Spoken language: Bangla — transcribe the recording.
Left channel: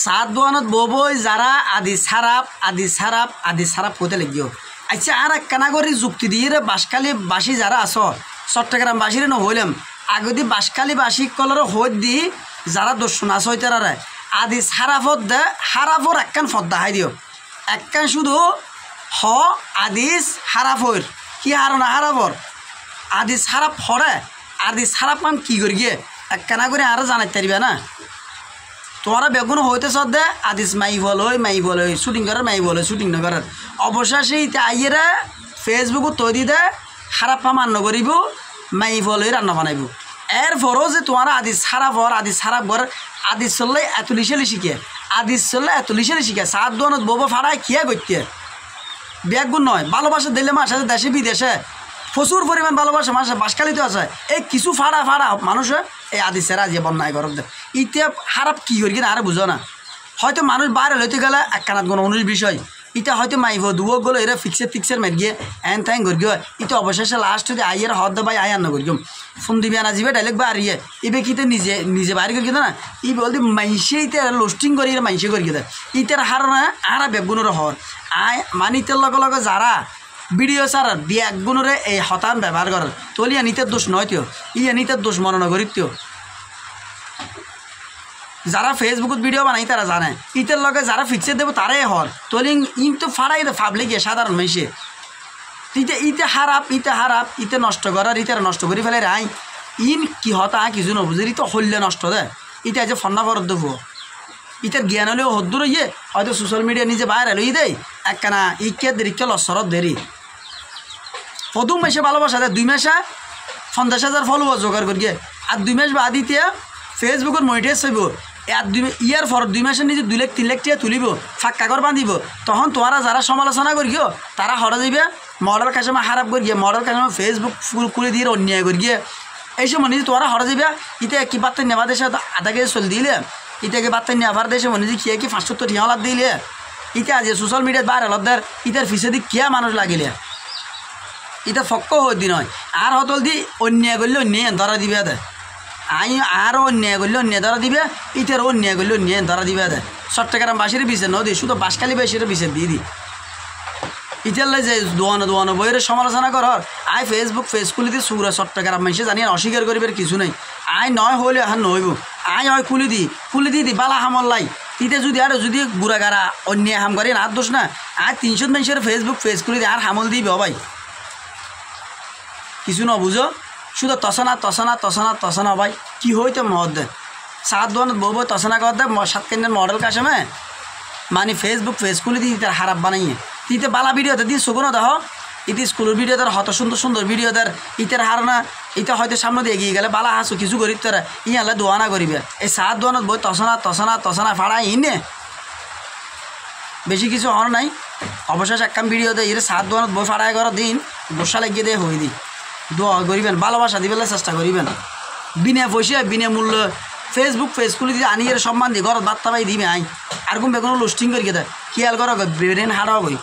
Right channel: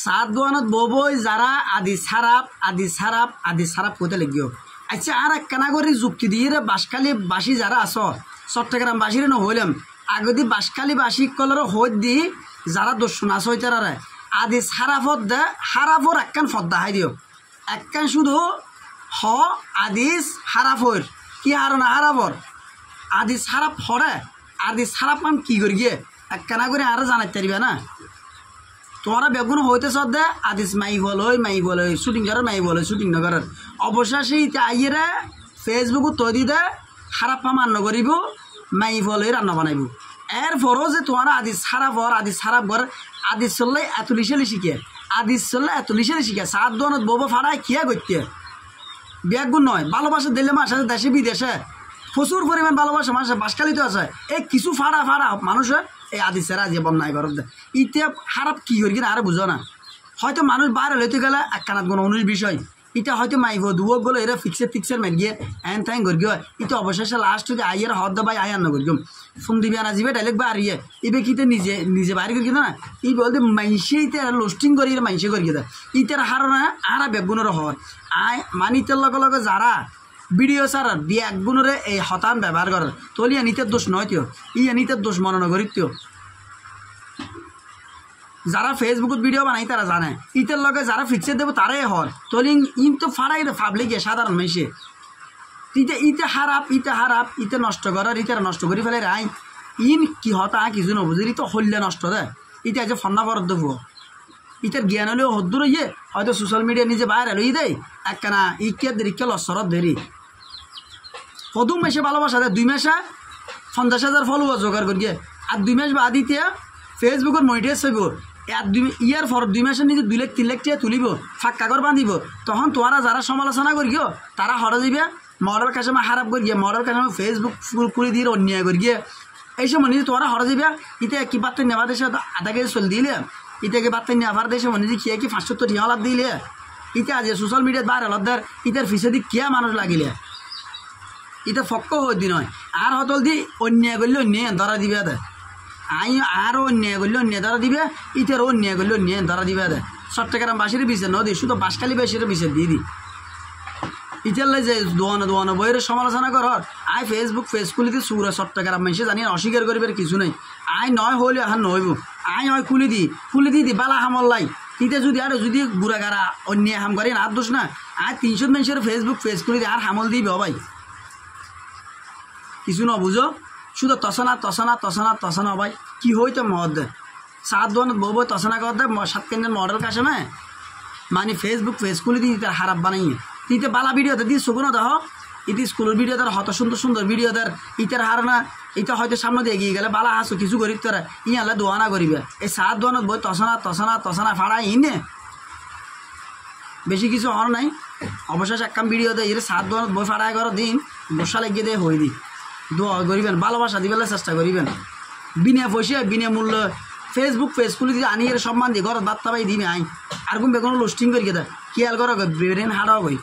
সাত দোয়ানত বই যারা আদি সারাপ হতে লাগিও আচ্ছা আর একখানা করে যুক্তি দিয়ে বাসখালী বাসী যারা আস চট্টগ্রাম বাসীর নহইলাম আগদি বাসখালী বাসী কলর হইত দি যারা দর্শন আস হইতারা আদি সারাফত দে হারাফর একখান ফদ্দা হাই দিও একখান শুধু হ আদিস হারাফর কি হারনা হারাফর আদি সারাপ হরে আদি সারাপ মান কি করি গিয়ে একখানা করে আরো জানাইতে পারিবে না তোমারা বেগুন হইতে সদ্দে আদিস মাই বল শুটিং করার মাই বল শুটিং নকরার অবশেষে আইয়েরা ফেসবুক তৈরি দে খারাপ মান্য করিব মাই বল রান্না বানাইব এরপরও যে তোমার আদিস সারাপ ঘর আদিস চললে এত লিশালি শিখে সাত দোয়ানত বউ ফাড়ায় খিয়া করতে বেগুন নয় ভালোবাসা দিলে মাস আছে দেশে বিদেশে প্রচুর পরিমাণ ভালোবাসা মানুষের বাসখালিতে আছে এই কিছু ফাড়া মানুষে এই আদিসের আজ বন্যায় ঘর ইতিয়া খারাপ কী করি কিনা আরে বুঝো না হয়তো মানুষ বাইরে লইতে গেলে একখানাত কোনো অনুষ বিষয় ইটা হয়তো মাইব দুয়ো গেলো এরা ফিক্সের মেট গিয়ে এন থ্যাং করি গিয়ে ইটা অবশেষে লাস্ট যদি আইয়ের হদ বাই আই আন্ন করি ফোন দিবি আনা যাবে ডাইরেক্ট বা আরিয়ে ইবে কিতে নিজে বাইরে করি না ই বলতে মাইসে ইতে লোস্টিং করি মাইসে করি দেয় ইটার হার না আরা বেগুনের হর আয় মানিতের লগে যারা ভিডিও সার বেগুনরে এই হতান ব্যবহার করার তলিয়া নিতের দোষ নয় তিও ইয়া নিতের দোষ মনে নগরিত তিও যারা ফেসবুকত ভিডিও বানাই তারা জানে ইতের লগে যারা ফিক্সে দেবো তারাই হর তলিং ইন তো ফাড়াই ফাবলে গিয়ে সাধারণ মানুষে ইতে হারাপ ইতে নষ্ট করার ইতে নষ্ট করে ফেলে আই ইন কি হতা কিছু নবুঝে ইতে হল্লে নষ্ট দে ইতে যে ফন্না ফরত দেবো ইতার জ্ঞান হলেও হদ্দুর ইয়ে হয়তো সোশ্যাল মিডিয়া নিজে বাইরে লই দেয় একখানা ইকে দেরিকে লসরত দেরি প্রথম মাসে ভালোবাসা দেয় 2 মাসে 50,000 ফলোয়ার জোগাড় করি আর 2 মাস বাদ দিতে ফেসবুকের মনিটাইজ হইব আর ইয়ার পর 2 মাসের নিজে 2 লাখ 3 লাখ টাকা তুলিব ফাঁকা কর বাঁধিব তখন তোমরা যারা সমালোচনা করিও তারা হরে যাবে মডেল কাছে খারাপ করি গিয়ে মডেল কাছে ফেসবুক খুলে দিয়ে অন্যায় করি গিয়ে এই সময় নিজে তোমরা হরে যাবে ইতে কি বার্তা নেওয়া দেশে আধা কেজি চল দিলে ইটাকে বার্তা নেওয়ার দেশে মনে যে কি 570 টাকা লাভ দিলে ইটা আজ সোশ্যাল মিডিয়াত বাইরে লদ্দার ইটার ফিসে দি কিয়া মানুষ লাগিলে ইটা ফক্ক হই দি নয় আর হতল দি অন্যায় করলে অন্যায় ধরা দিবে দে আরও অন্যায় করলে অন্যায় ধরা দিবে ইটার অন্যায় করলে অন্যায় ধরা দিবে দে চট্টগ্রাম বাসীর বিষয় নদী শুধু বাসখালী বাসীর বিষয় দিয়ে দি ইটারলে যে দোয়ানো বইয়ের সমালোচনা কর আই ফেস খুলিতে সুরা চট্টগ্রাম মানুষে জানি অস্বীকার করিবার কিছু নেই আই নয় হইলে এখন নহইব আই হয় খুলি দি বালা হামল্লাই তিতে যদি আর যদি বুড়া গাড়া অন্যায় হাম করেন আর দোষ না আর 300 মানুষের ফেস খুলি দিয়ে আর হামল দিবে ভাই কিছু নবুঝো শুধু তসনা ভাই কি হইতে মহৎ দে সাত দোয়ানত বউ তসনা কর দে 7 কেন্দ্রের মডেল কাশমে মানে ফেস খুলি দিয়ে তার খারাপ বানাইয়ে তিতে বালা ভিডিওতে দিয়ে শোনো দেহ ইতি স্কুলের ভিডিও তার হত সুন্দর ভিডিও তার ইটার হারনা ইটা হয়তো সামনে দিয়ে এগিয়ে গেলে বালা হাসু কিছু করি তোরা ইয়ালে দোয়ানা করিবে এই সাত দোয়ানত বই তসনা ফাড়া ইনে বেশি কিছু হর নাই অবশেষ একখান ভিডিও দেয় এর সাত দোয়ানত বই ফাড়ায় করার দিন বসা লাগিয়ে দিয়ে হয়ে দি দোয়া করিবেন ভালোবাসা দিবেলে চেষ্টা করিবেন বিনা পয়সা বিনা মূল্য ফেসবুক খুলে দিয়ে আনিয়ে সম্মান দিয়ে ঘর বার্তা পাই দিবে আই আর বেগুন লোস্টিং করি দেয় খেয়াল করো ব্রেন হারাও করি